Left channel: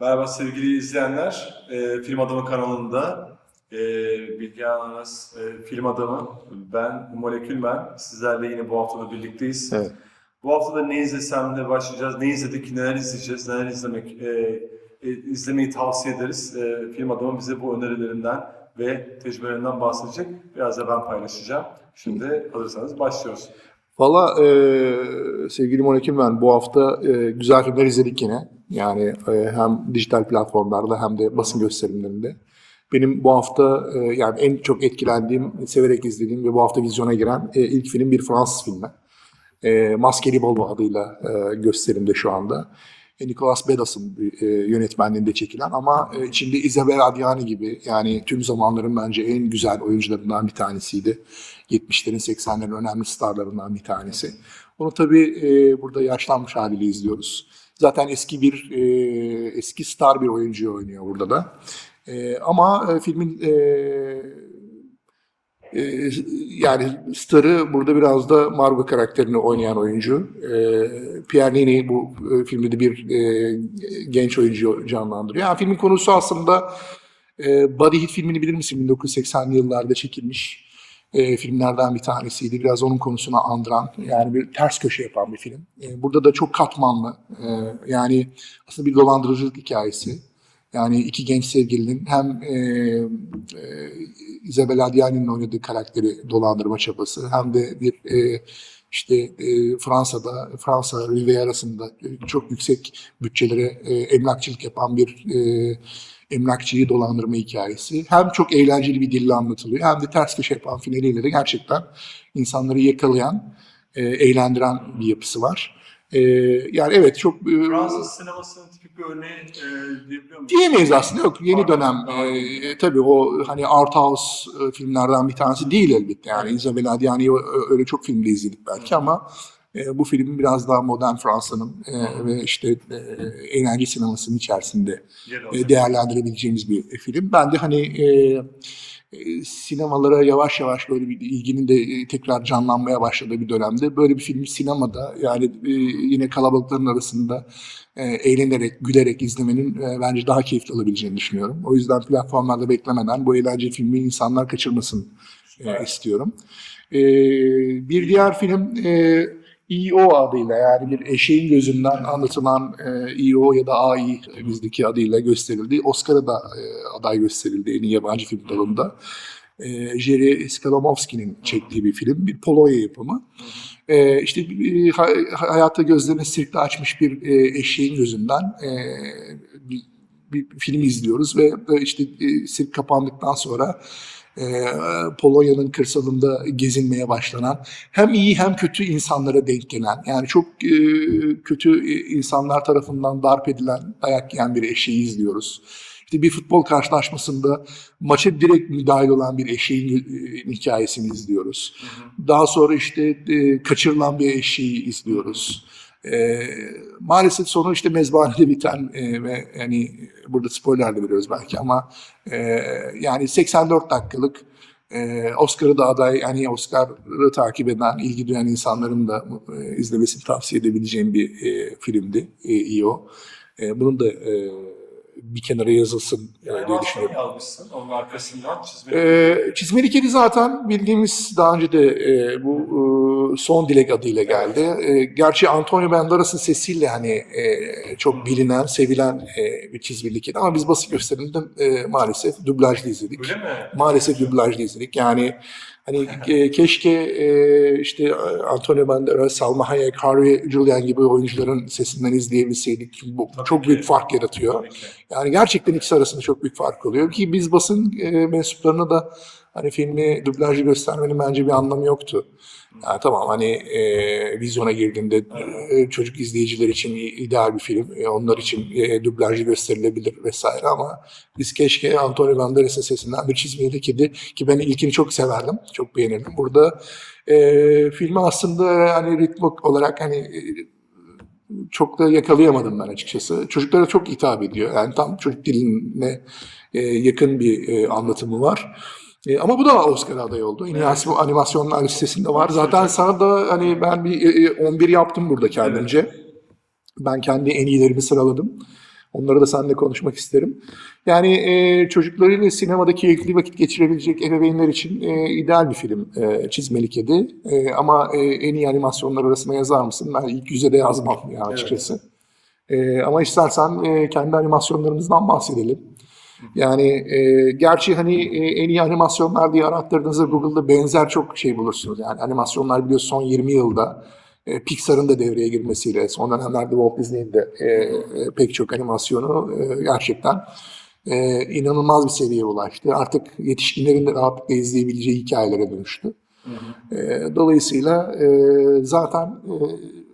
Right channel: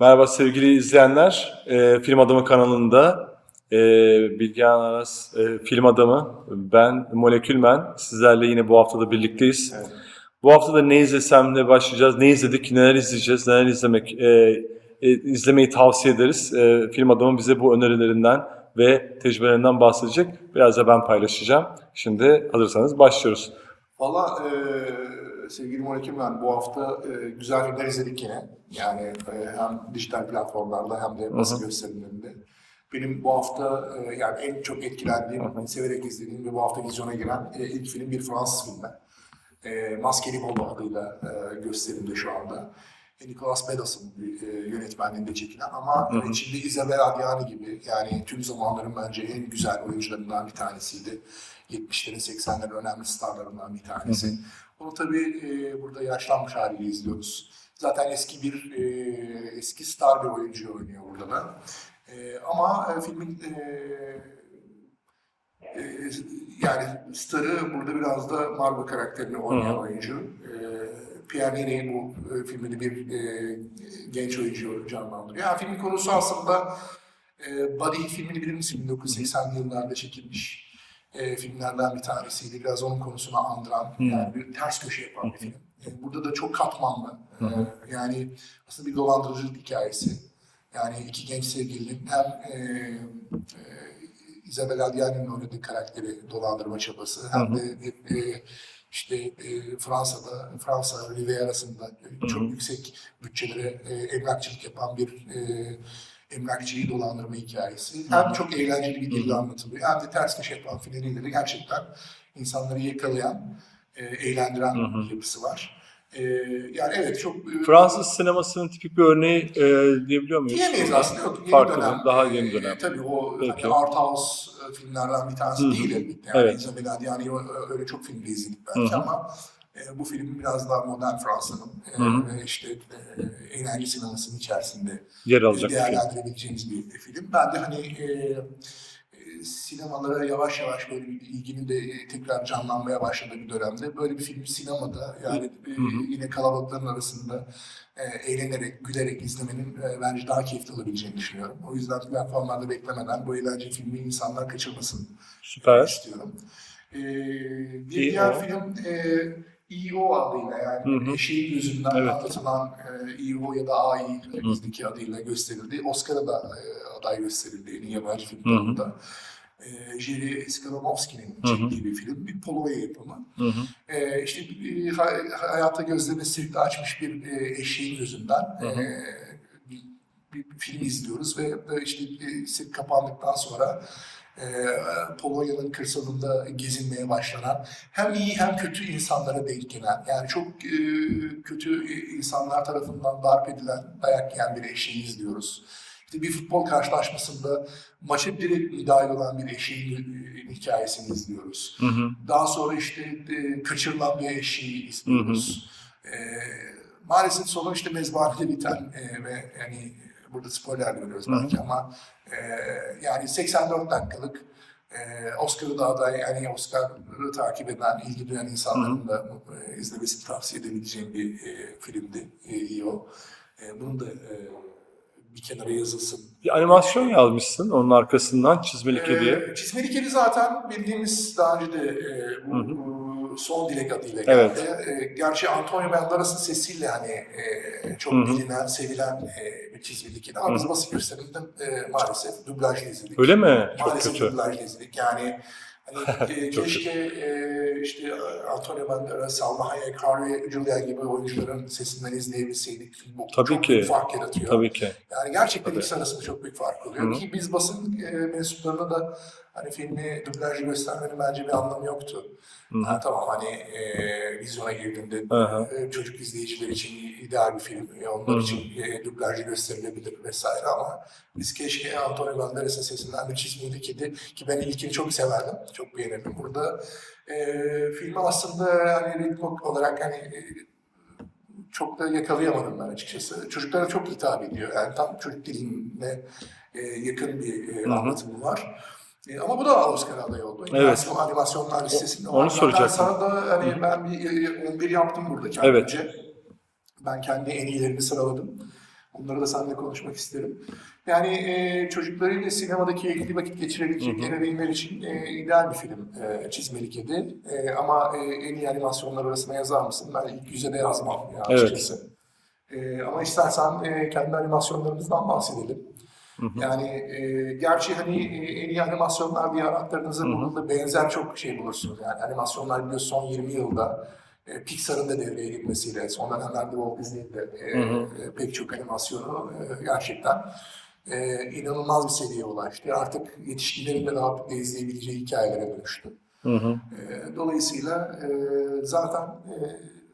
Merhaba sevgili izleyenler. Ee, Film Adamı kanalında e, Bilgehan Aras, e, Film Adamı, ben Molekülmen. Sizlerle yine bu hafta da birlikteyiz. Evet. Bu hafta da ne izlesemle başlayacağız, ne izledik, neler izleyeceğiz, neler izlemek, e, e, izlemeyi tavsiye ederiz. E, Film Adamı bize bu önerilerinden ve tecrübelerinden bahsedecek. Biraz da ben paylaşacağım. Şimdi hazırsanız başlıyoruz. Valla e, sevgili Monekim ben bu hafta e, güzel filmler izledik yine. Yani e, hem dijital platformlarda hem de basın gösterimlerinde. Benim bu hafta e, yani en çok etkilendiğim, severek izlediğim ve bu hafta vizyona giren e, ilk film bir Fransız filmi. E, Maskeli Bolo adıyla e, gösterimde şu anda. Nicolas Bedas'ın e, yönetmenliğinde çekilen ama e, içinde Isabelle Adjani gibi yani tüm zamanların bence en güzel oyuncularından bir tanesiydi. 70'lerin 80'lerin önemli starlarından bir tanesi. Onu tabii e, burada yaşlanmış haliyle izliyoruz. Zaten eski bir e, eski star bir oyuncuyu oynuyor burada da. E, ama e, filmin e, e, yani starı burada biraz da Margot karakterini oynayan oyuncu. E, Pierre bu e, filmde de bir e, genç oyuncu canlandırıyor. Yani filmin konusu aslında e, Body Hit filmini bilir misin? 1980'li yıllarda çekilmiş e, filmlerden bir tanesiydi. Biraz onun konusuna andıran, yani bir ters köşe yapan bir film. E, burada da çok katmanlı. E, yani aslında bir dolandırıcılık hikayesi. Yani iki genç sevgilinin hem e, e, Isabelle Adjani'nin oynadığı karakteri dolandırma çabası hem de bir e, işte e, Fransa'da, Fransa Riviera'sında e, çok yüksek bütçelere e, emlakçılık yapan bir e, emlakçıyı dolandırma hikayesi. Hem çok eğlenceli bir dille anlatılıyor hem de ters köşe yapan finaliyle de gerçekten insanları yakalayan, e, eğlendiren bir yapısı var. E, yani evet çok... e, Fransız sinemasının tipik bir örneği e, diyebiliyor muyuz? Diyemeyiz aslında yok yeni Farklı, dönem. daha e, yeni dönem. tabii o Evet, hani evet. art house e, filmlerden bir tanesi Hı. değil elbette. Yani Evet. Isabelle Adjani'yi ö- öyle çok filmde izledik belki Hı hı. ama e, bu film biraz daha modern Fransa'nın e, Hı ve işte e, eğlence sinemasının içerisinde Yer e, değerlendirebileceğimiz bir film. Ben de hani e, e, sinemalara yavaş yavaş böyle bir ilginin de e, tekrar canlanmaya başladığı bir dönemde böyle bir filmi sinemada yani e, yine kalabalıkların arasında e, eğlenerek, gülerek izlemenin e, bence daha keyifli olabileceğini düşünüyorum. O yüzden platformlarda beklemeden bu eğlence filmi insanlar kaçırmasın Süper. e, istiyorum. E, bir diğer film e, EO adıyla yani bir eşeğin gözünden Evet. anlatılan e, EO ya da AI bizdeki adıyla gösterildi. Oscar'a da e, aday gösterildi en iyi yabancı film dalında. E, Jerry Skalomovski'nin çektiği bir film. Bir Polonya yapımı. Hı hı. E, işte e, ha- hayata gözlerini sirkte açmış bir e, eşeğin gözünden e, bir, film izliyoruz ve e, işte e, sirk kapandıktan sonra e, Polonya'nın kırsalında gezinmeye başlanan hem iyi hem kötü insanlara denk gelen yani çok e, kötü insanlar tarafından darp edilen dayak yiyen bir eşeği izliyoruz. İşte bir futbol karşılaşmasında maça direkt müdahil olan bir eşeğin e, hikayesini izliyoruz. Hı hı. Daha sonra işte e, kaçırılan bir eşeği izliyoruz. E, maalesef sonu işte mezbahanede biten e, ve yani burada spoiler de veriyoruz belki ama e, yani 84 dakikalık e, Oscar'ı da aday yani Oscar'ı takip eden, ilgi duyan insanların da e, izlemesini tavsiye edebileceğim bir e, filmdi e, EO. E, bunun da e, bir kenara yazılsın. Bir animasyon yazmışsın onun arkasından çizmeli kedi. Ee, Çizmeli Kedi zaten bildiğimiz daha önce de e, bu e, Son Dilek adıyla geldi. E, gerçi Antonio Banderas'ın sesiyle hani e, çok Hı hı. bilinen, sevilen e, bir Çizmeli Kedi ama Hı. biz basın gösteriminde e, maalesef dublajlı izledik. Öyle mi? Maalesef dublajlı izledik. Yani hani e, keşke e, işte Antonio Banderas, Salma Hayek, Harvey Julian gibi oyuncuların sesinden izleyebilseydik. Bu Tabii çok ki. büyük fark yaratıyor. Tabii ki. Yani gerçekten ikisi arasında çok büyük fark oluyor Hı. ki biz basın e, mensuplarına da hani filmi dublajlı göstermenin bence bir anlamı yoktu. Hı. Yani tamam hani e, vizyona girdiğinde e, çocuk izleyiciler için ideal bir film. E, onlar Hı için e, dublajlı gösterilebilir vesaire ama biz keşke Antonio Banderas'ın sesinden bir çizmeyeli kedi ki ben ilkini çok severdim. Çok beğenirdim. Burada e, filmi aslında hani ritm olarak hani e, çok da yakalayamadım ben açıkçası. Çocuklara çok hitap ediyor. Yani tam çocuk diline e, yakın bir e, anlatımı var. E, ama bu da Oscar adayı oldu. Evet. aslında animasyonlar listesinde var. Onu Zaten soracaktım. sana da hani ben bir e, 11 yaptım burada kendimce. Ben kendi en iyilerimi sıraladım. Onları da seninle konuşmak isterim. Yani e, çocuklarıyla sinemada keyifli vakit geçirebilecek ebeveynler için e, ideal bir film e, Çizmeli Kedi. E, ama e, en iyi animasyonlar arasına yazar mısın? Ben ilk yüze de yazmam ya açıkçası. E, ama istersen e, kendi animasyonlarımızdan bahsedelim. Yani e, gerçi hani e, en iyi animasyonlar diye arattırdığınızda Google'da benzer çok şey bulursunuz. Yani animasyonlar biliyorsun son 20 yılda e, Pixar'ın da devreye girmesiyle son dönemlerde Walt Disney'in de e, e, pek çok animasyonu e, gerçekten e, inanılmaz bir seviyeye ulaştı. Artık yetişkinlerin de rahatlıkla izleyebileceği hikayelere dönüştü. E, dolayısıyla e, zaten e,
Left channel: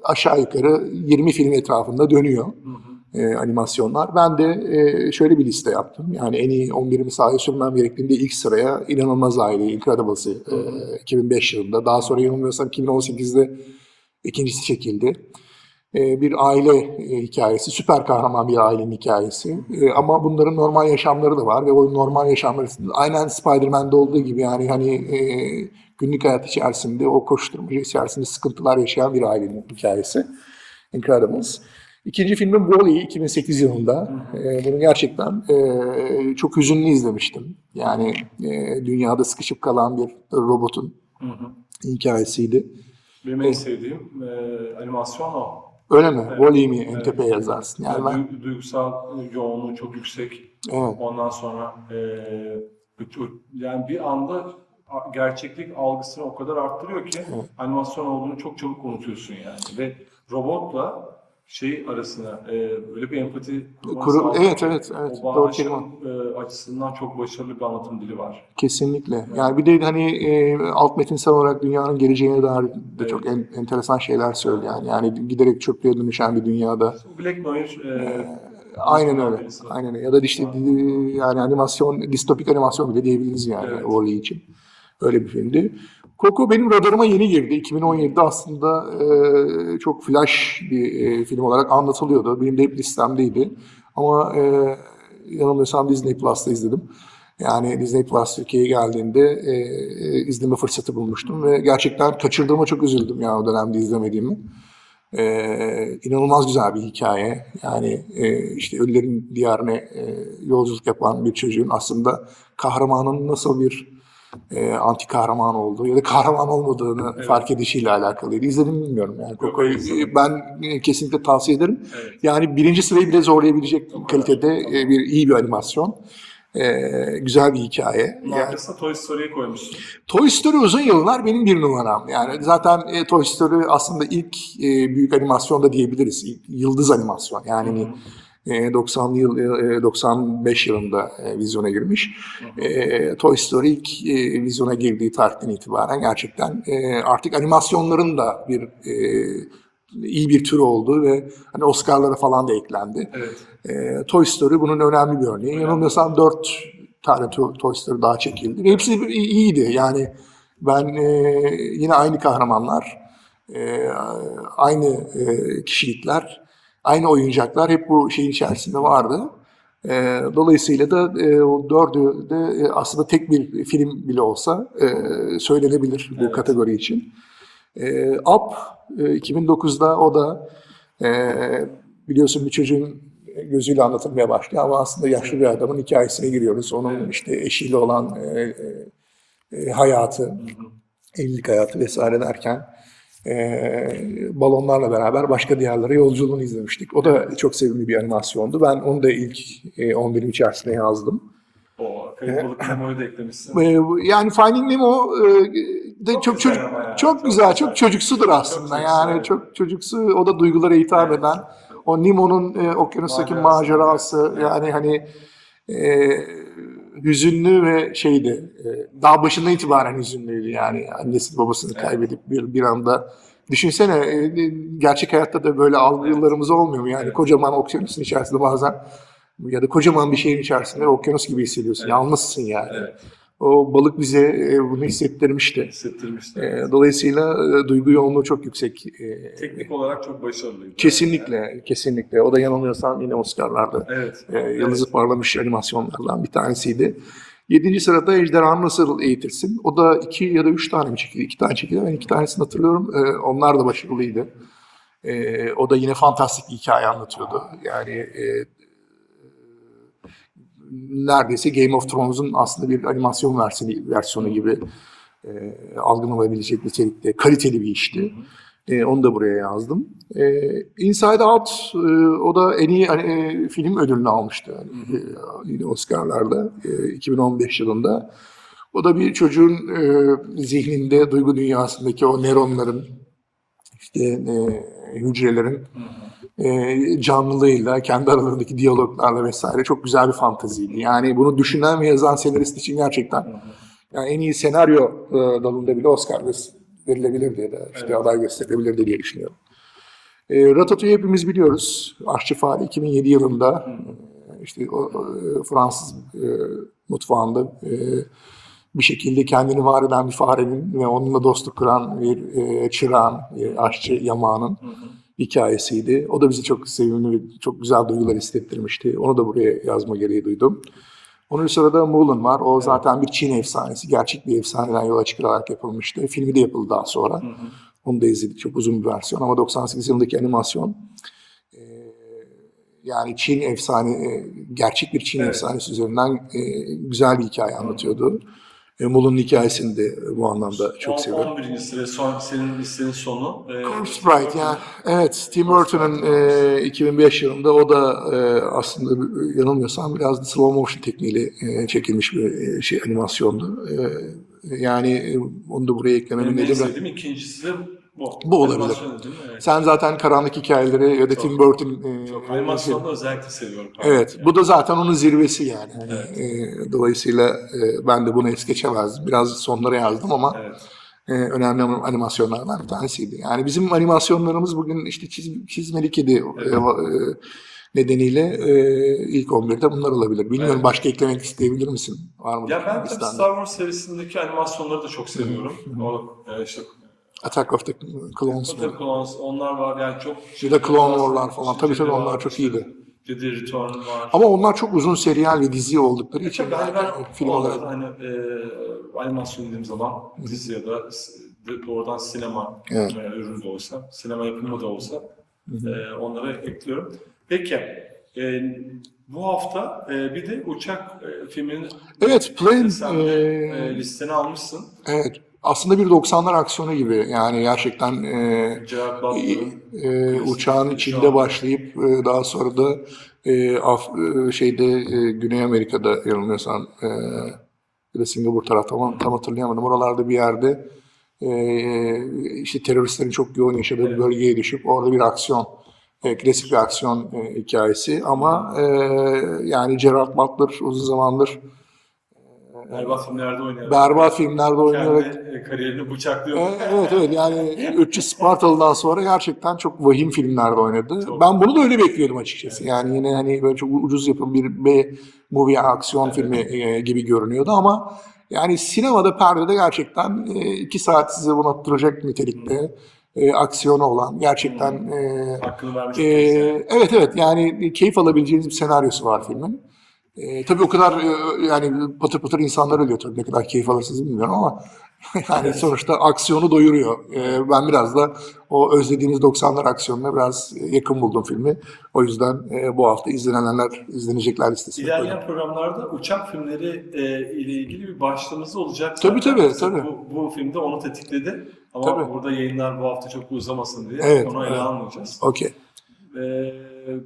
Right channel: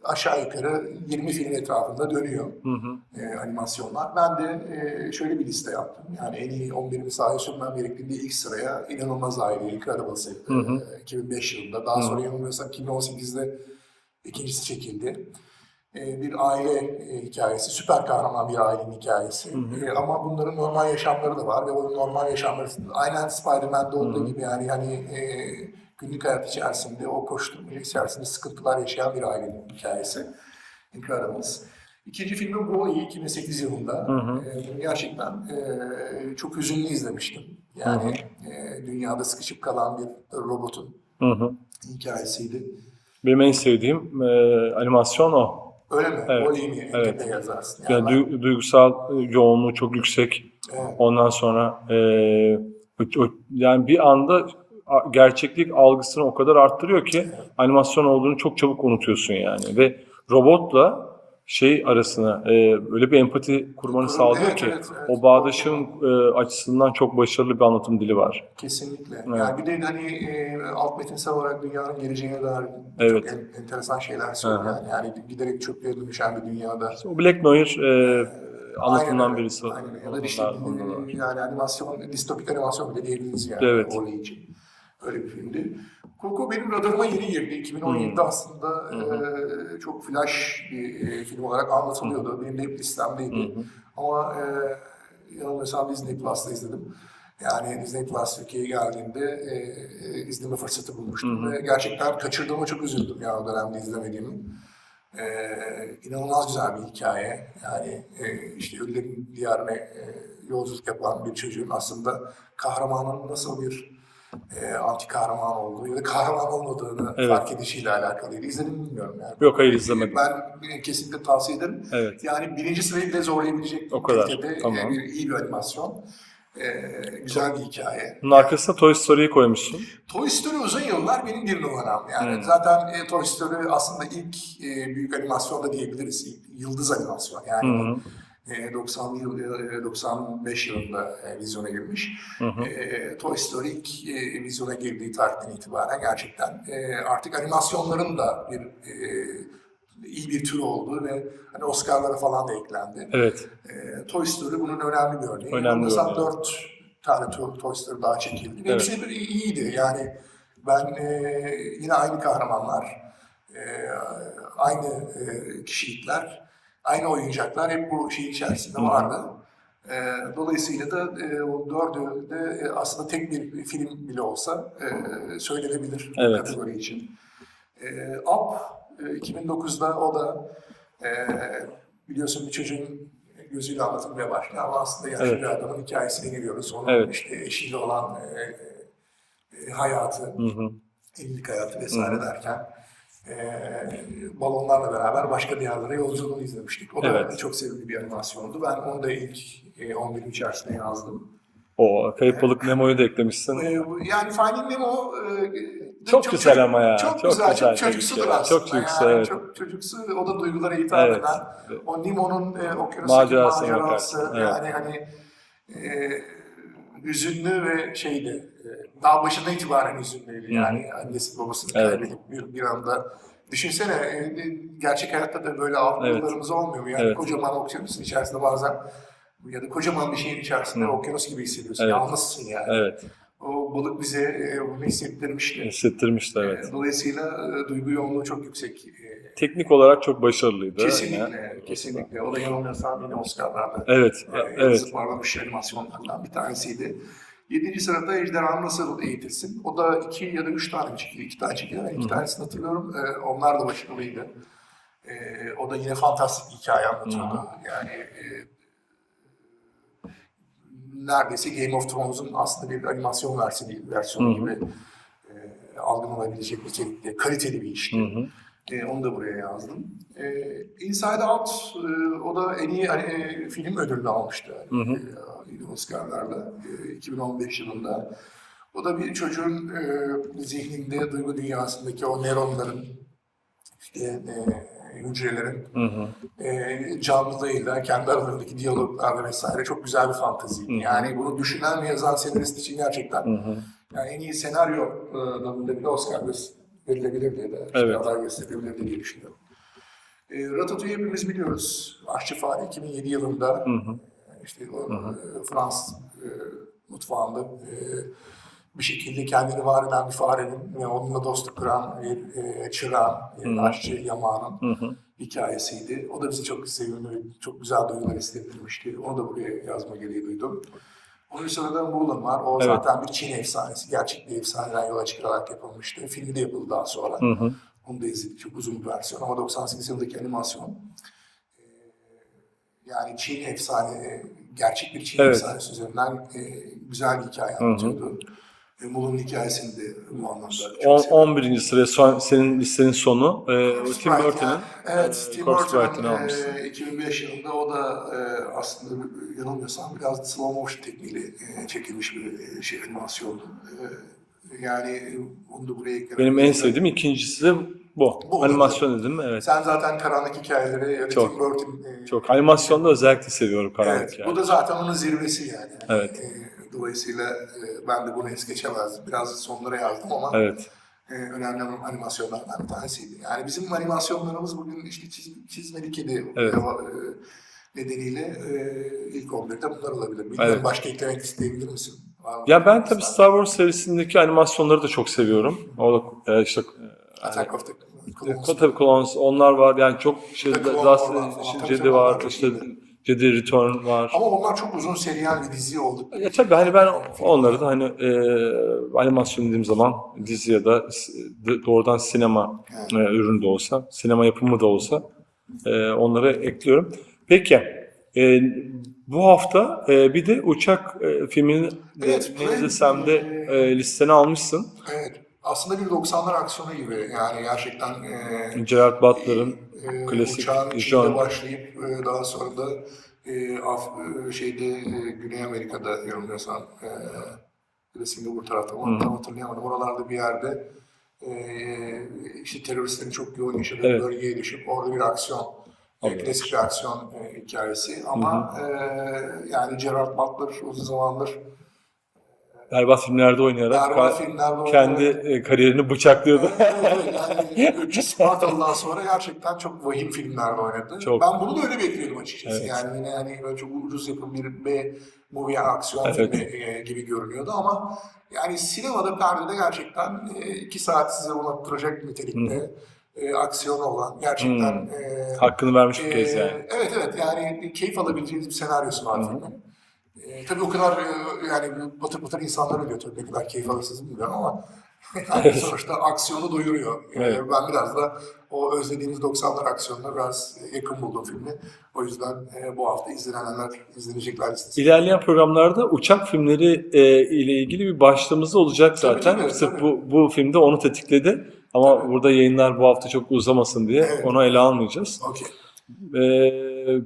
aşağı yukarı 20 film etrafında dönüyor e, animasyonlar. Ben de e, şöyle bir liste yaptım. Yani en iyi 11'imi sahaya sürmem gerektiğinde ilk sıraya İnanılmaz Aile, Incredibles'ı e, 2005 yılında. Daha sonra yanılmıyorsam 2018'de ikincisi çekildi. E, bir aile e, hikayesi, süper kahraman bir ailenin hikayesi. E, ama bunların normal yaşamları da var ve o normal yaşamları aynen Spider-Man'de olduğu gibi yani hani e, günlük hayat içerisinde o koşturmaca içerisinde sıkıntılar yaşayan bir ailenin hikayesi. Incredibles. İkinci filmim Wall-E 2008 yılında. E, bunu gerçekten e, çok hüzünlü izlemiştim. Yani e, dünyada sıkışıp kalan bir robotun Hı hı. hikayesiydi. Benim en sevdiğim e, animasyon o. Öyle mi? Evet, Wall-E mi en evet. tepeye yazarsın? Yani Yani ben- du- duygusal yoğunluğu çok yüksek. evet. Ondan sonra e, yani bir anda gerçeklik algısını o kadar arttırıyor ki animasyon olduğunu çok çabuk unutuyorsun yani. Ve robotla şey arasına e, öyle bir empati kurmanı Kur- sağlıyor evet, ki evet, evet. o bağdaşım e, açısından çok başarılı bir anlatım dili var. Kesinlikle. Yani bir de hani e, alt metinsel olarak dünyanın geleceğine dair Evet. çok en- enteresan şeyler söylüyor. Yani, yani giderek çöplüğe dönüşen bir dünyada. O Black Mirror e, Aynen anlatımdan öyle. birisi. Aynen öyle. Ya da işte e, yani animasyon, distopik animasyon bile diyebiliriz yani Evet. Wall-E için. Öyle bir filmdi. Coco benim radarıma yeni girdi. 2017'de Hmm. aslında e, çok flash bir e, film olarak anlatılıyordu. Benim de hep listemdeydi. Ama e, yanılmıyorsam Disney Plus'ta izledim. Yani Disney Plus Türkiye'ye geldiğinde e, e, izleme fırsatı bulmuştum ve gerçekten kaçırdığıma çok üzüldüm ya o dönemde izlemediğimi. Ee, inanılmaz güzel bir hikaye. Yani e, işte ölülerin diyarına e, yolculuk yapan bir çocuğun aslında kahramanın nasıl bir e, anti kahraman olduğu ya da kahraman olmadığını Evet. fark edişiyle alakalıydı. İzledim mi bilmiyorum yani. Yok, hayır, izlemedim. Ben e, kesinlikle tavsiye ederim. Evet. Yani birinci sırayı bile zorlayabilecek O kadar, kalitede e, tamam. bir iyi bir animasyon. E, güzel bir hikaye. Bunun Yani- arkasına Toy Story'yi koymuşsun. Toy Story uzun yıllar benim bir numaram. Yani zaten e, Toy Story aslında ilk e, büyük animasyon da diyebiliriz. İlk yıldız animasyon. Yani e, 90'lı yıl, e, 95 yılında e, vizyona girmiş. E, Toy Story ilk e, vizyona girdiği tarihten itibaren gerçekten e, artık animasyonların da bir e, iyi bir tür olduğu ve hani Oscar'lara falan da eklendi. Evet. E, Toy Story bunun önemli bir örneği. Yanılmıyorsam örneği. dört tane to- Toy Story daha çekildi. Ve Hepsi iyiydi. Yani ben e, yine aynı kahramanlar, e, aynı e, kişilikler, aynı oyuncaklar hep bu şeyin içerisinde vardı. E, dolayısıyla da e, o dördü de e, aslında tek bir film bile olsa e, söylenebilir bu Evet. kategori için. E, Up e, 2009'da o da e, biliyorsun bir çocuğun gözüyle anlatılmaya başlıyor ama aslında yaşlı Evet. bir adamın hikayesine giriyoruz. Onun Evet. işte eşiyle olan e, e, hayatı, evlilik hayatı vesaire derken e, balonlarla beraber başka diyarlara yolculuğunu izlemiştik. O da Evet. çok sevimli bir animasyondu. Ben onu da ilk e, 11'in içerisine yazdım. O kayıp balık Nemo'yu da eklemişsin. E, yani Finding Nemo e, de Çok çok, güzel çocuk- ama ya, Çok, çok güzel, güzel. çok çocuksudur Çok- çok aslında. çocuksu, yani evet. çok çocuksu, o da duygulara hitap Evet. eden, o Nemo'nun e, okyanustaki Macerası, macerası, evet. yani hani e, hüzünlü ve şeydi, e, daha başından itibaren hüzünlüydü yani annesi babasını Evet. kaybedip bir, bir anda Düşünsene e, gerçek hayatta da böyle algılarımız olmuyor mu? Yani Evet. kocaman okyanusun içerisinde bazen ya da kocaman bir şeyin içerisinde okyanus gibi hissediyorsun. Evet. Yalnızsın yani. Evet. O balık bize e, bunu hissettirmişti. Hissettirmişti. E, Evet. Dolayısıyla e, duygu yoğunluğu çok yüksek. Teknik olarak çok başarılıydı. Kesinlikle, kesinlikle. O da yanılmıyorsam yine Oscar'larda Evet. evet. yıldızı parlamış animasyonlardan bir tanesiydi. Yedinci sırada Ejderhanı Nasıl Eğitirsin? O da iki ya da üç tane mi çekildi? İki tane çekildi. Ben iki tanesini hatırlıyorum. Onlar da başarılıydı. O da yine fantastik bir hikaye anlatıyordu. Yani neredeyse Game of Thrones'un aslında bir animasyon versiyonu, versiyonu gibi e, algılanabilecek nitelikte kaliteli bir işti. E, onu da buraya yazdım. E, Inside Out e, o da en iyi e, film ödülünü almıştı yani, e, yine Oscar'larda e, 2015 yılında. O da bir çocuğun e, zihninde, duygu dünyasındaki o nöronların, işte e, hücrelerin e, canlılığıyla, kendi aralarındaki diyaloglarla vesaire çok güzel bir fantaziydi. Yani bunu düşünen ve yazan senarist için gerçekten yani en iyi senaryo e, dalında bile Oscar verilebilirdi ya da işte Evet. aday gösterilebilirdi diye düşünüyorum. E, Ratatouille hepimiz biliyoruz. Aşçı Fare 2007 yılında e, işte o e, Fransız e, mutfağında e, bir şekilde kendini var eden bir farenin ve onunla dostluk kuran bir e, çırağın, e, aşçı yamağının hikayesiydi. O da bizi çok sevimli ve çok güzel duygular hissettirmişti. Onu da buraya yazma gereği duydum. Onun sırada Mulan var. O zaten bir Çin efsanesi. Gerçek bir efsaneden yola çıkılarak yapılmıştı. Filmi de yapıldı daha sonra. Onu da izledik. Çok uzun bir versiyon ama 98 yılındaki animasyon e, yani Çin efsane, e, gerçek bir Çin Evet. efsanesi üzerinden e, güzel bir hikaye anlatıyordu. E, Mulan'ın hikayesini de bu anlamda çok On- seviyorum. 11. sıraya son, senin listenin sonu. E, Sprite yani. Evet, Tim Corpse Burton'ın e, 2005 yılında o da e, aslında yanılmıyorsam biraz slow motion tekniğiyle e, çekilmiş bir e, şey animasyondu. E, yani e, onu da buraya eklemem Benim en sevdiğim ikincisi de bu. Bu olabilir. Animasyon dedim evet. Sen zaten karanlık hikayeleri ya da Çok. Tim Burton e, Çok. Animasyonda özellikle seviyorum. Evet, bu da zaten onun zirvesi yani. Evet. E, dolayısıyla e, ben de bunu es geçemezdim. Biraz sonlara yazdım ama Evet. e, önemli animasyonlardan bir tanesiydi. Yani bizim animasyonlarımız bugün işte çiz, çizmeli kedi Evet. e, e, nedeniyle e, ilk 11'de bunlar olabilir. Bilmiyorum Evet. başka eklemek isteyebilir misin? Var mı? Ya ben tabii? Star Wars serisindeki animasyonları da çok seviyorum. O e, işte Attack of the Clones. o tabii Clones, onlar var yani çok Bir de Clone War'lar falan. Tabii tabii onlar çok işte iyiydi. Jedi Return var. Ama onlar çok uzun seriyel ve dizi oldukları Ya için. tabii hani ben film olarak- hani e, animasyon dediğim zaman dizi ya da doğrudan sinema Evet. e, ürünü de olsa, sinema yapımı da olsa e, onları ekliyorum. Peki e, bu hafta e, bir de uçak e, filmini Evet, Plane, e, e, listene almışsın. Evet. Aslında bir 90'lar aksiyonu gibi. Yani gerçekten e, Gerard Butler'ın e, uçağın içinde Jean- başlayıp e, daha sonra da e, Af- e, şeyde e, Güney Amerika'da yanılmıyorsam e, ya da Singapur tarafta ama tam hatırlayamadım. Oralarda bir yerde e, işte teröristlerin çok yoğun yaşadığı bir Evet. bölgeye düşüp orada bir aksiyon e, klasik bir aksiyon e, hikayesi ama e, yani Gerard Butler uzun zamandır berbat filmlerde oynayarak berbat e, filmlerde oynayarak kendi e, kariyerini bıçaklıyordu. Evet, evet, evet. yani 300 Spartalı'dan sonra gerçekten çok vahim filmlerde oynadı. Çok. Ben bunu da öyle bekliyordum açıkçası. Evet. Yani yine hani böyle çok ucuz yapım bir B movie aksiyon Evet. filmi e, gibi görünüyordu ama yani sinemada perdede gerçekten e, iki saat size unuttıracak nitelikte e, aksiyonu olan gerçekten e, Hakkını vermiş bir kez yani. evet evet yani keyif alabileceğiniz bir senaryosu var filmin. Ee, tabii o kadar e, yani patır patır insanlar ölüyor tabii ne kadar keyif alırsınız bilmiyorum ama yani sonuçta aksiyonu doyuruyor. Evet. Ben biraz da o özlediğimiz 90'lar aksiyonuna biraz yakın buldum filmi. O yüzden e, bu hafta izlenenler, izlenecekler listesinde. İlerleyen programlarda uçak filmleri e, ile ilgili bir başlığımız olacak zaten. Tabii, tabii, tabii. Bu, bu filmde onu tetikledi. Ama Tabii. burada yayınlar bu hafta çok uzamasın diye Evet. onu ele almayacağız. Okey. E,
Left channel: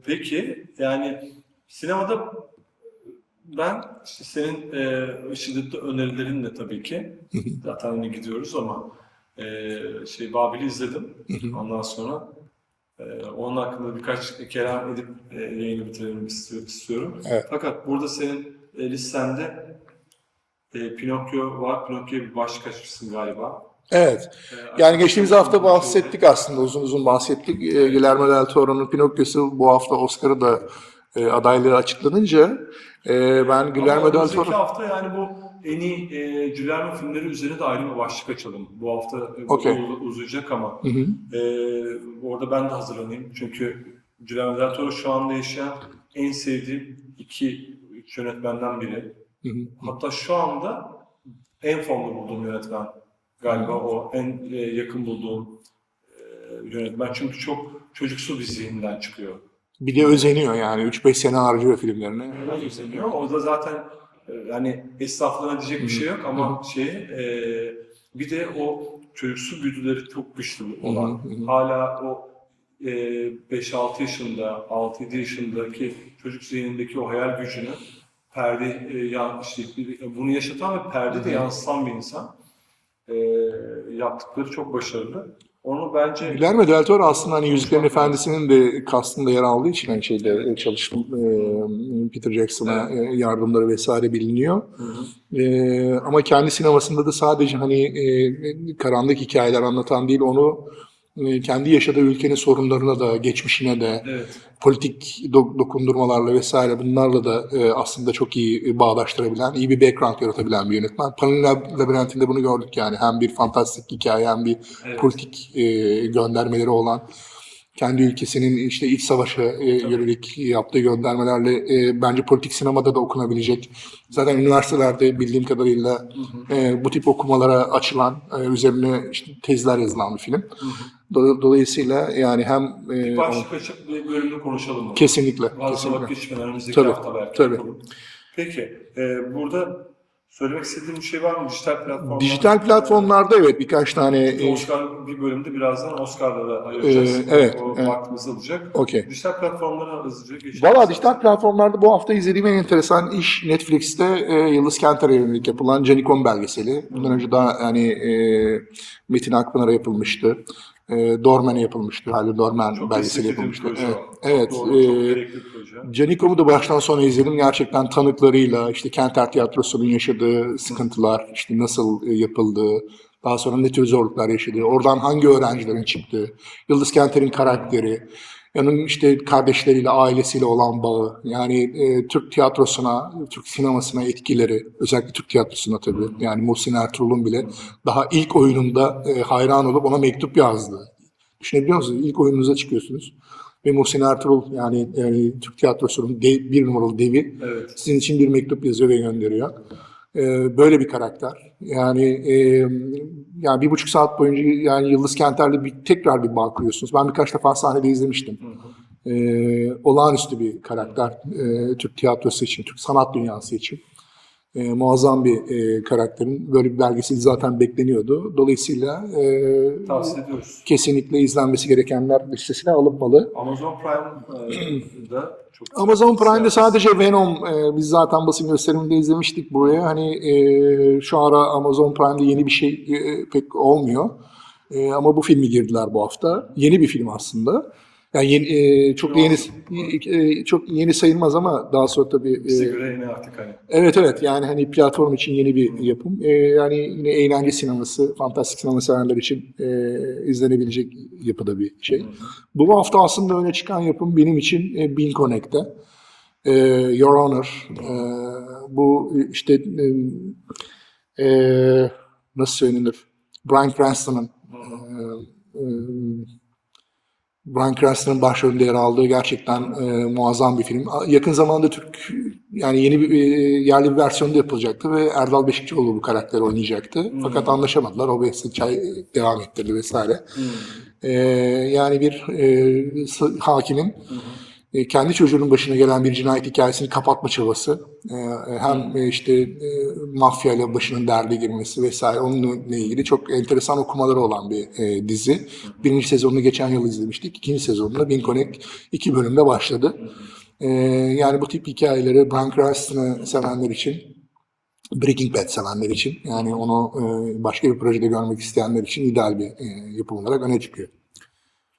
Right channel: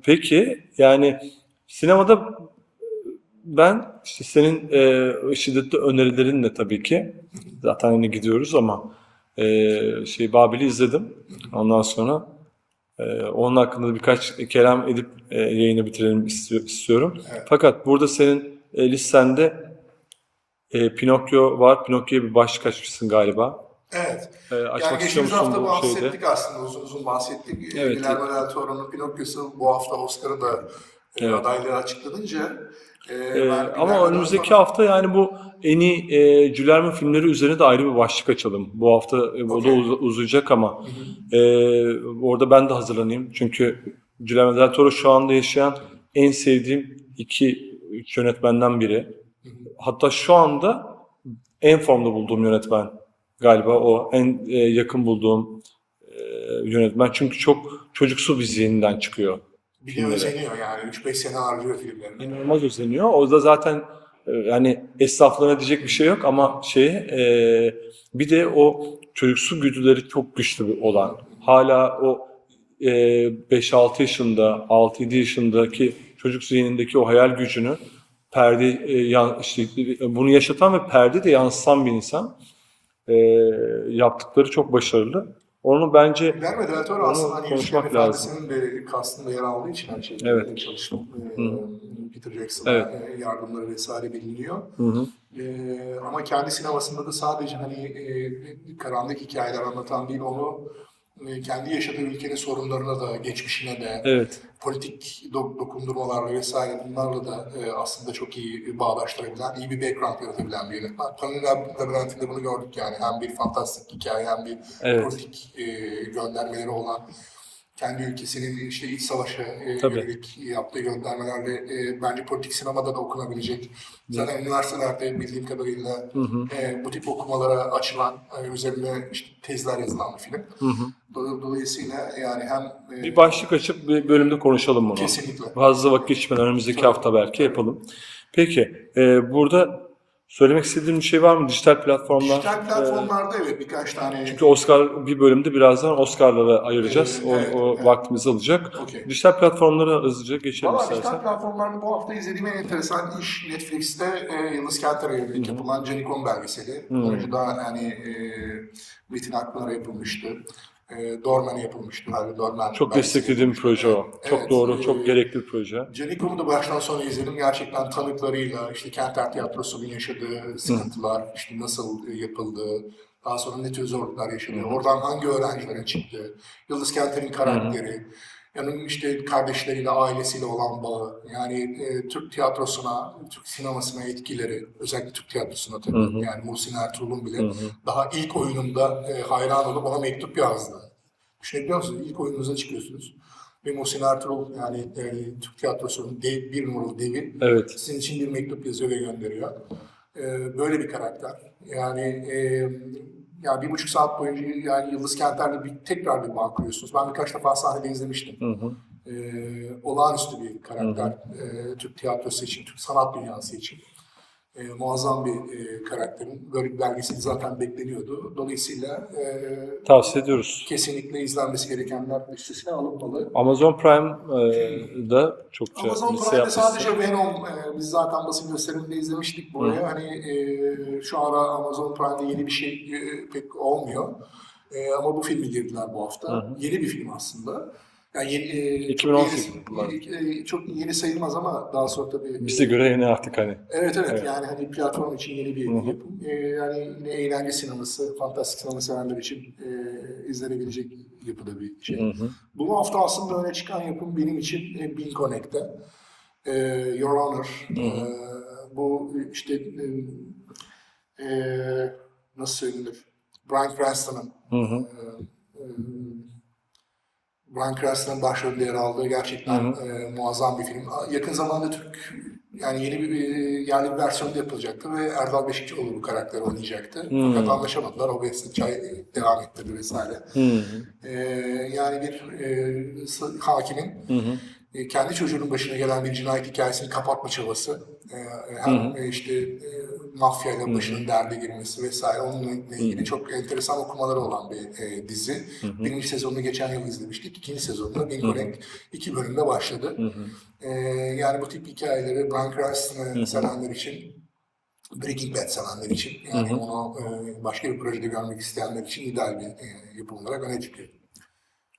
peki yani sinemada ben işte senin e, şiddetli önerilerin de tabii ki zaten hani gidiyoruz ama e, şey Babil'i izledim. Ondan sonra e, onun hakkında birkaç kelam edip e, yayını bitirelim istiyor- istiyorum. Evet. Fakat burada senin e, listende e, Pinokyo var. Pinokyo'ya bir başlık açmışsın galiba. Evet. E, açmak Yani geçtiğimiz hafta bu şeyde? bahsettik aslında uzun uzun bahsettik. Ee, Evet. Guillermo del Toro'nun Pinokyo'su bu hafta Oscar'ı da e, adaylığı açıklanınca e, ben Ama Guillermo del önümüzdeki Toro... hafta yani bu en iyi e, Guillermo filmleri üzerine de ayrı bir başlık açalım. Bu hafta e, bu Okey. da uz- uzayacak ama Hı hı. e, orada ben de hazırlanayım. Çünkü Guillermo del Toro şu anda yaşayan en sevdiğim iki yönetmenden biri. Hı hı. Hatta şu anda en formda bulduğum yönetmen galiba o en e, yakın bulduğum e, yönetmen. Çünkü çok çocuksu bir zihninden çıkıyor. Bir de özeniyor yani 3-5 sene harcıyor filmlerine. inanılmaz özeniyor. O da zaten e, yani esnaflığına diyecek bir şey yok ama şey e, bir de o çocuksu güdüleri çok güçlü olan hala o e, 5-6 yaşında 6-7 yaşındaki çocuk zihnindeki o hayal gücünü perde e, yan- işte, e, bunu yaşatan ve perde de yansıtan bir insan E, yaptıkları çok başarılı. Onu bence Guillermo del Toro aslında hani Yüzüklerin Efendisi'nin de kastında yer aldığı için hani şeyde Evet. çalıştım. e, Peter Jackson'a Evet. e, yardımları vesaire biliniyor. Hı hı. E, ama kendi sinemasında da sadece hani e, karanlık hikayeler anlatan değil onu e, kendi yaşadığı ülkenin sorunlarına da geçmişine de evet politik do- dokundurmalarla vesaire bunlarla da e, aslında çok iyi bağdaştırabilen, iyi bir background yaratabilen bir yönetmen. Pan'ın Lab- Labirentinde bunu gördük yani. Hem bir fantastik hikaye hem bir Evet. politik e, göndermeleri olan kendi ülkesinin işte iç savaşa e, Tabii. yönelik yaptığı göndermelerle e, bence politik sinemada da okunabilecek. Zaten üniversitelerde bildiğim kadarıyla e, bu tip okumalara açılan, e, üzerine işte tezler yazılan bir film. Hı hı. Do- Dolayısıyla yani hem e, bir başlık açıp bir bölümde konuşalım bunu. kesinlikle. Fazla kesinlikle. vakit geçmeden önümüzdeki Tabii, hafta belki tabii. yapalım. Peki, e, burada söylemek istediğin bir şey var mı dijital platformlar? Dijital platformlarda evet birkaç tane Çünkü Oscar bir bölümde birazdan Oscar'lara ayıracağız. O evet, o evet. vaktimizi alacak. Okey. Dijital platformlara hızlıca geçelim. Valla dijital platformlarda bu hafta izlediğim en enteresan iş Netflix'te e, Yıldız Kenter'e yönelik yapılan Canikon belgeseli. Bundan önce daha hani e, Metin Akpınar'a yapılmıştı. E, Dormen'e yapılmıştı. Halil Dormen Çok yapılmıştı. proje Evet. o. Çok Evet, doğru, çok e, gerekli bir proje. Canikom'u da baştan sona izledim. Gerçekten tanıklarıyla, işte Kenter Tiyatrosu'nun yaşadığı sıkıntılar, işte nasıl e, yapıldığı, daha sonra ne tür zorluklar yaşadığı, oradan hangi öğrencilerin çıktığı, Yıldız Kenter'in karakteri, onun işte kardeşleriyle, ailesiyle olan bağı, yani e, Türk tiyatrosuna, Türk sinemasına etkileri, özellikle Türk tiyatrosuna tabii, yani Muhsin Ertuğrul'un bile daha ilk oyununda e, hayran olup ona mektup yazdı. Düşünebiliyor musunuz? İlk oyununuza çıkıyorsunuz. Ve Muhsin Ertuğrul yani e, Türk tiyatrosunun dev- bir numaralı devi Evet. sizin için bir mektup yazıyor ve gönderiyor. E, böyle bir karakter. Yani e, yani bir buçuk saat boyunca yani Yıldız Kenter'le bir, tekrar bir bağ kuruyorsunuz. Ben birkaç defa sahnede izlemiştim. Hı hı. E, olağanüstü bir karakter e, Türk tiyatrosu için, Türk sanat dünyası için. E, muazzam bir e, karakterin böyle bir belgeseli zaten bekleniyordu. Dolayısıyla e, Tavsiye ediyoruz. kesinlikle izlenmesi gerekenler listesine alınmalı. Amazon Prime'da çok güzel Amazon Prime'de sadece Venom, e, biz zaten basın gösteriminde izlemiştik buraya. Hani e, şu ara Amazon Prime'de yeni bir şey e, pek olmuyor. E, ama bu filmi girdiler bu hafta. Yeni bir film aslında. Yani yeni, e, çok yeni, 2018 e, çok yeni sayılmaz ama daha sonra tabii. Bize e, göre yeni artık hani. Evet evet yani hani platform için yeni bir yapım. E, yani yine eğlence sineması, fantastik sinema severler için e, izlenebilecek yapıda bir şey. Hı hı. Bu hafta aslında öne çıkan yapım benim için e, Bean Connect'te. E, Your Honor. E, bu işte e, e, nasıl söylenir? Bryan Cranston'ın Hı hı. e, e, Bryan Cranston'ın başrolünde yer aldığı gerçekten e, muazzam bir film. Yakın zamanda Türk yani yeni bir e, yerli bir versiyonu da yapılacaktı ve Erdal Beşikçioğlu bu karakteri oynayacaktı. Fakat anlaşamadılar. O Behzat Çay devam ettirdi vesaire. E, yani bir e, hakimin e, kendi çocuğunun başına gelen bir cinayet hikayesini kapatma çabası. E, e, hem e, işte e, mafyayla başının derde girmesi vesaire onunla ilgili çok enteresan okumaları olan bir e, dizi. Birinci sezonunu geçen yıl izlemiştik. İkinci sezonunda Bean Connect iki bölümde başladı. E, yani bu tip hikayeleri Bryan Cranston'ı sevenler için Breaking Bad sevenler için yani onu e, başka bir projede görmek isteyenler için ideal bir yapım olarak öne çıkıyor.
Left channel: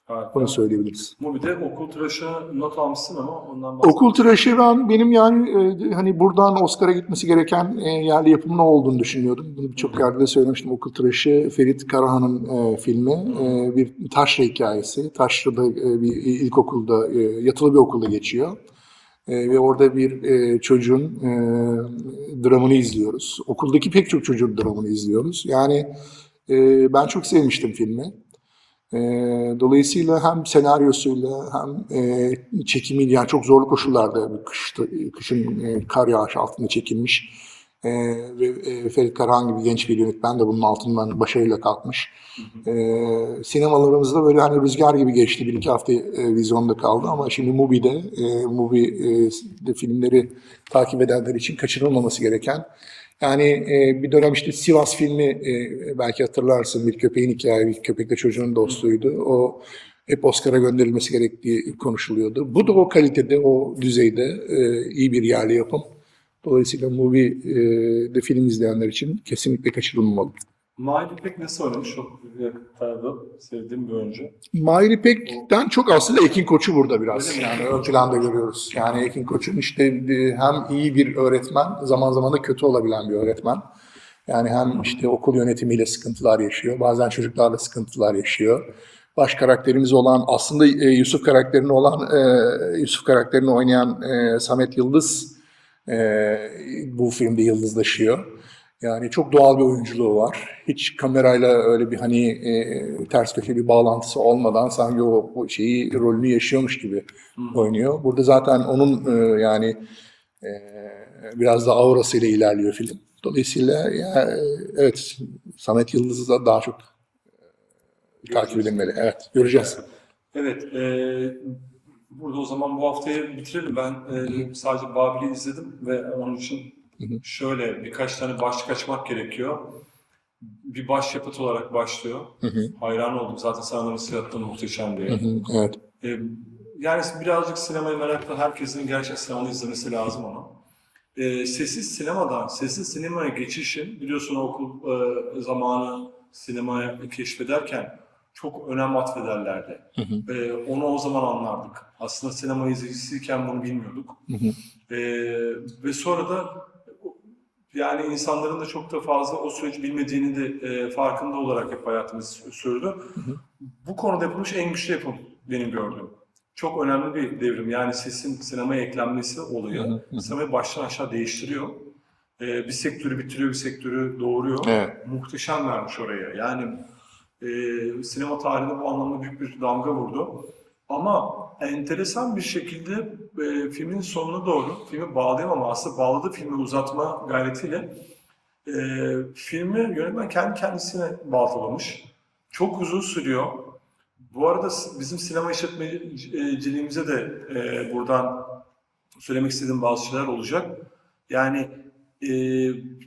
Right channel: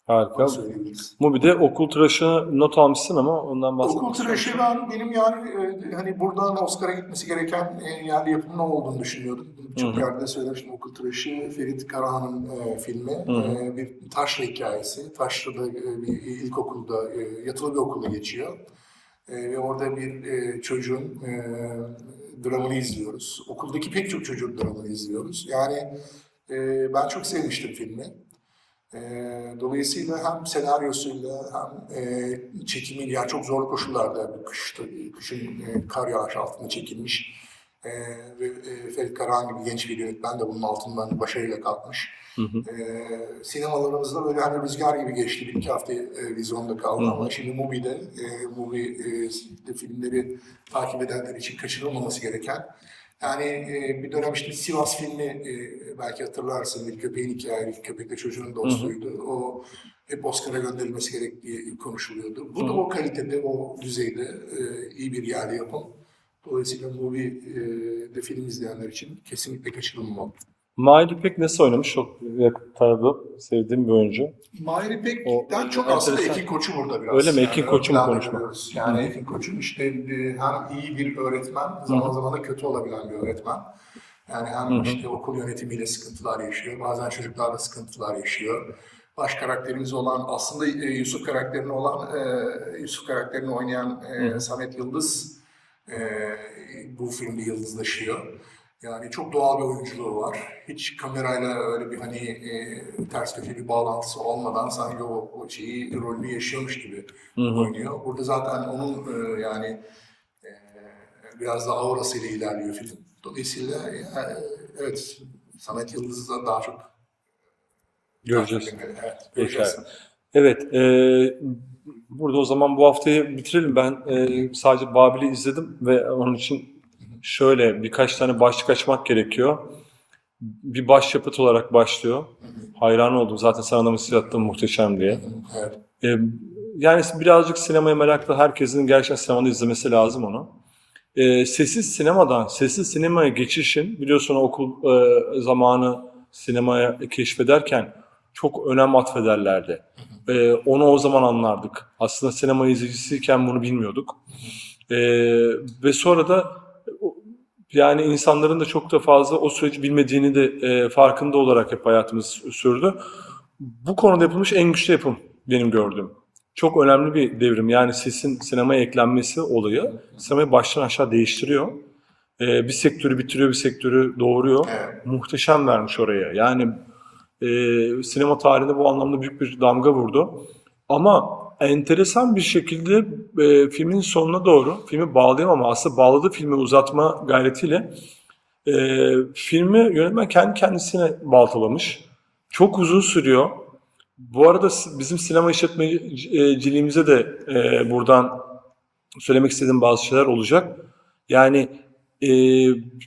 Harika. Onu söyleyebiliriz. Mubi'de okul tıraşını not almışsın ama ondan bahsedelim. Okul tıraşı ben benim yani e, hani buradan Oscar'a gitmesi gereken e, yerli yapımın o olduğunu düşünüyordum. Bunu birçok yerde de söylemiştim. Okul tıraşı Ferit Karahan'ın e, filmi. E, bir taşra hikayesi. Taşra'da e, bir ilkokulda, e, yatılı bir okulda geçiyor. E, ve orada bir e, çocuğun e, dramını izliyoruz. Okuldaki pek çok çocuğun dramını izliyoruz. Yani e, ben çok sevmiştim filmi. E, dolayısıyla hem senaryosuyla hem e, çekimiyle yani çok zorlu koşullarda kışta, kışın e, kar yağış altında çekilmiş E, ve e, Ferit Karahan gibi genç bir yönetmen de bunun altından başarıyla kalkmış. E, sinemalarımızda böyle hani rüzgar gibi geçti. Bir iki hafta e, vizyonda kaldı ama şimdi Mubi'de, e, Mubi e, de filmleri takip edenler için kaçırılmaması gereken yani e, bir dönem işte Sivas filmi e, belki hatırlarsın bir köpeğin hikayesi, bir köpekle çocuğun dostluğuydu. O hep Oscar'a gönderilmesi gerektiği konuşuluyordu. Bu da o kalitede, o düzeyde e, iyi bir yerli yapım. Dolayısıyla movie e, de film izleyenler için kesinlikle kaçırılmamalı. Mahir İpek nasıl oynamış? Çok tanıdığım, sevdiğim bir oyuncu. Mahir İpek'ten çok aslında Ekin Koç'u burada biraz. Öyle mi? Yani Ekin ön Koç'u planda görüyoruz. Yani Ekin Koç'un işte e, hem iyi bir öğretmen, zaman zaman da kötü olabilen bir öğretmen. Yani hem işte okul yönetimiyle sıkıntılar yaşıyor, bazen çocuklarla sıkıntılar yaşıyor. Baş karakterimiz olan, aslında e, Yusuf karakterini olan, e, Yusuf karakterini oynayan Samet Yıldız bu filmde yıldızlaşıyor. Yani çok doğal bir oyunculuğu var. Hiç kamerayla öyle bir hani e, ters köşe bir bağlantısı olmadan sanki o, o şeyi rolünü yaşıyormuş gibi oynuyor. Burada zaten onun e, yani e, biraz da aurasıyla ilerliyor film. Dolayısıyla ya, e, evet Samet Yıldız'ı da daha çok e, takip Göreceğiz. edilmeli. Evet göreceğiz. Evet, e, burada o zaman bu haftayı bitirelim. Ben e, sadece Babil'i izledim ve onun için şöyle birkaç tane başlık açmak gerekiyor. Bir başyapıt olarak başlıyor. Hayran oldum. Zaten sana da mesaj attım muhteşem diye. Hı, Evet. E, yani birazcık sinemaya meraklı herkesin gerçekten sinemada izlemesi lazım onu. E, sessiz sinemadan sessiz sinemaya geçişin biliyorsun okul e, zamanı sinemaya keşfederken çok önem atfederlerdi. E, onu o zaman anlardık. Aslında sinema izleyicisiyken bunu bilmiyorduk. E, ve sonra da yani insanların da çok da fazla o süreci bilmediğini de e, farkında olarak hep hayatımız sürdü. Bu konuda yapılmış en güçlü yapım benim gördüğüm. Çok önemli bir devrim. Yani sesin sinemaya eklenmesi olayı sinemayı baştan aşağı değiştiriyor. Ee, bir sektörü bitiriyor, bir sektörü doğuruyor. Evet. Muhteşem vermiş oraya. Yani e, sinema tarihinde bu anlamda büyük bir damga vurdu. Ama enteresan bir şekilde e, filmin sonuna doğru, filmi bağlayamama, aslında bağladığı filmi uzatma gayretiyle e, filmi yönetmen kendi kendisine baltalamış. Çok uzun sürüyor. Bu arada bizim sinema işletmeciliğimize de e, buradan söylemek istediğim bazı şeyler olacak. Yani e,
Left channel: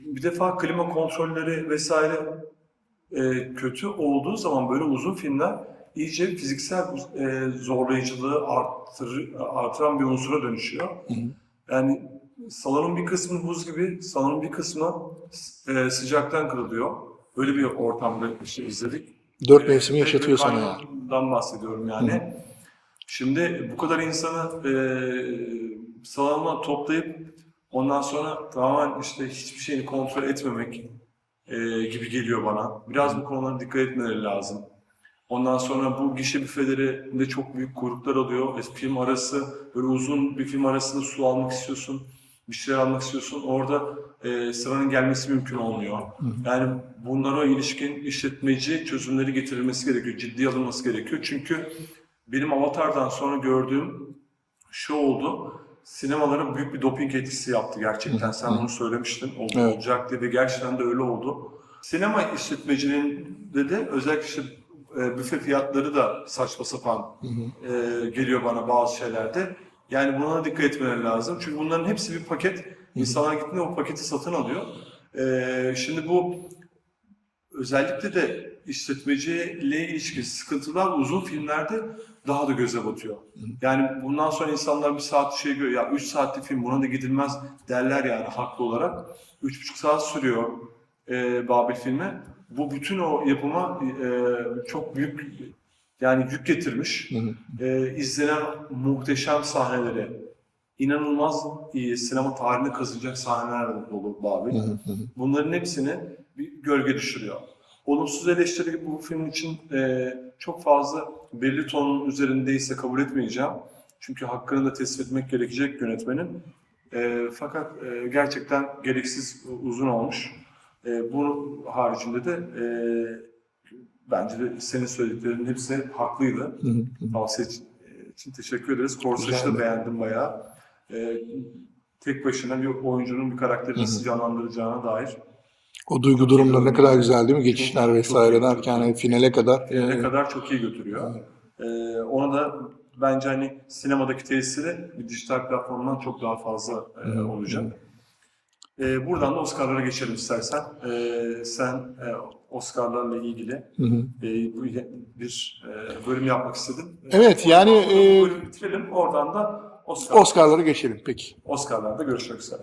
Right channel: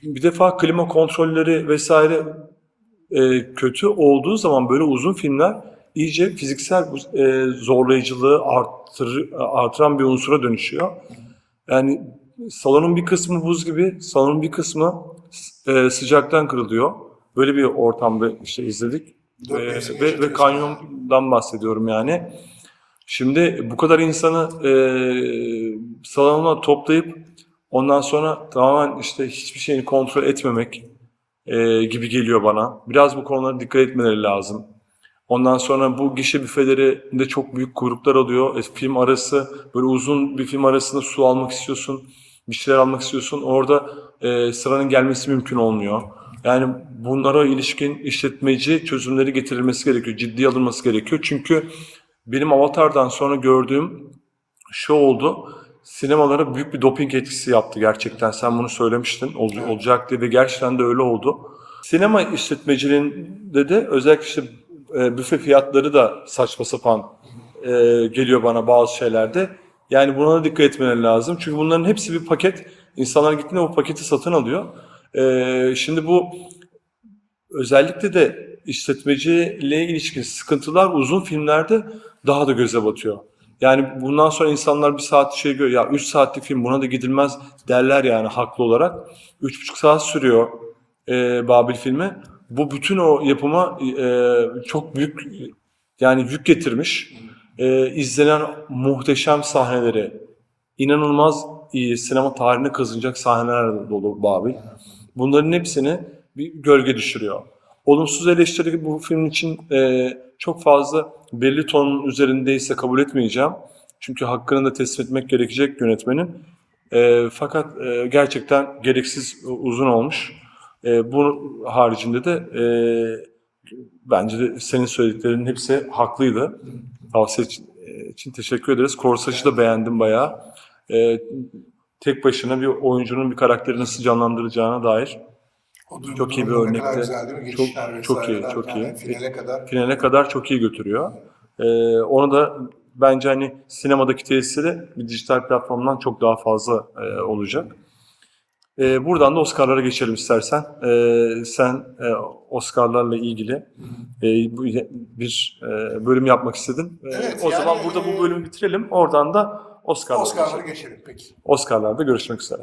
bir defa klima kontrolleri vesaire e, kötü olduğu zaman böyle uzun filmler iyice fiziksel e, zorlayıcılığı arttır, artıran bir unsura dönüşüyor. Yani salonun bir kısmı buz gibi, salonun bir kısmı e, sıcaktan kırılıyor. Böyle bir ortamda işte izledik. Dört Ee, mevsimi ve- yaşatıyor ve sana. kanyondan bahsediyorum yani. Şimdi bu kadar insanı e, salona toplayıp ondan sonra tamamen işte hiçbir şeyini kontrol etmemek e, gibi geliyor bana. Biraz bu konulara dikkat etmeleri lazım. Ondan sonra bu gişe büfelerinde çok büyük kuyruklar oluyor. E, film arası böyle uzun bir film arasında su almak istiyorsun, bir şeyler almak istiyorsun. Orada e, sıranın gelmesi mümkün olmuyor. Yani bunlara ilişkin işletmeci çözümleri getirilmesi gerekiyor, ciddiye alınması gerekiyor. Çünkü benim Avatar'dan sonra gördüğüm şu oldu. Sinemalara büyük bir doping etkisi yaptı gerçekten. Sen bunu söylemiştin. Oldu, Evet. Olacak diye ve gerçekten de öyle oldu. Sinema işletmeciliğinde de özellikle işte e, büfe fiyatları da saçma sapan e, geliyor bana bazı şeylerde. Yani buna da dikkat etmeleri lazım. Çünkü bunların hepsi bir paket. İnsanlar gittiğinde o paketi satın alıyor. E, şimdi bu özellikle de işletmeciyle ilişkin sıkıntılar uzun filmlerde daha da göze batıyor. Yani bundan sonra insanlar bir saat şey görüyor. Ya 3 saatlik film buna da gidilmez derler yani haklı olarak. 3,5 saat sürüyor e, Babil filmi. Bu bütün o yapıma e, çok büyük yani yük getirmiş. E, izlenen muhteşem sahneleri, inanılmaz iyi sinema tarihine kazınacak sahneler dolu Babil. Bunların hepsini bir gölge düşürüyor. Olumsuz eleştiri bu film için e, çok fazla belli tonun üzerindeyse kabul etmeyeceğim. Çünkü hakkını da teslim etmek gerekecek yönetmenin. E, fakat e, gerçekten gereksiz uzun olmuş. E, bu haricinde de e, bence de senin söylediklerinin hepsi haklıydı. Tavsiye için, için teşekkür ederiz. Korsaj'ı da beğendim bayağı. E, tek başına bir oyuncunun bir karakteri nasıl canlandıracağına dair O duygu Çok iyi durumları ne kadar güzel değil mi? Geçişler Çok- çok vesaire iyi, çok derken iyi. hani finale kadar. finale kadar çok iyi götürüyor. Ee, onu da bence hani sinemadaki tesiri bir dijital platformdan çok daha fazla e, olacak. Ee, buradan da Oscar'lara geçelim istersen. Ee, sen e, Oscar'larla ilgili Hı hı. e, bir e, bölüm yapmak istedin. Ee, Evet, o yani, zaman burada e, bu bölümü bitirelim. Oradan da Oscar, Oscar'lara geçelim peki. Oscar'larda görüşmek üzere.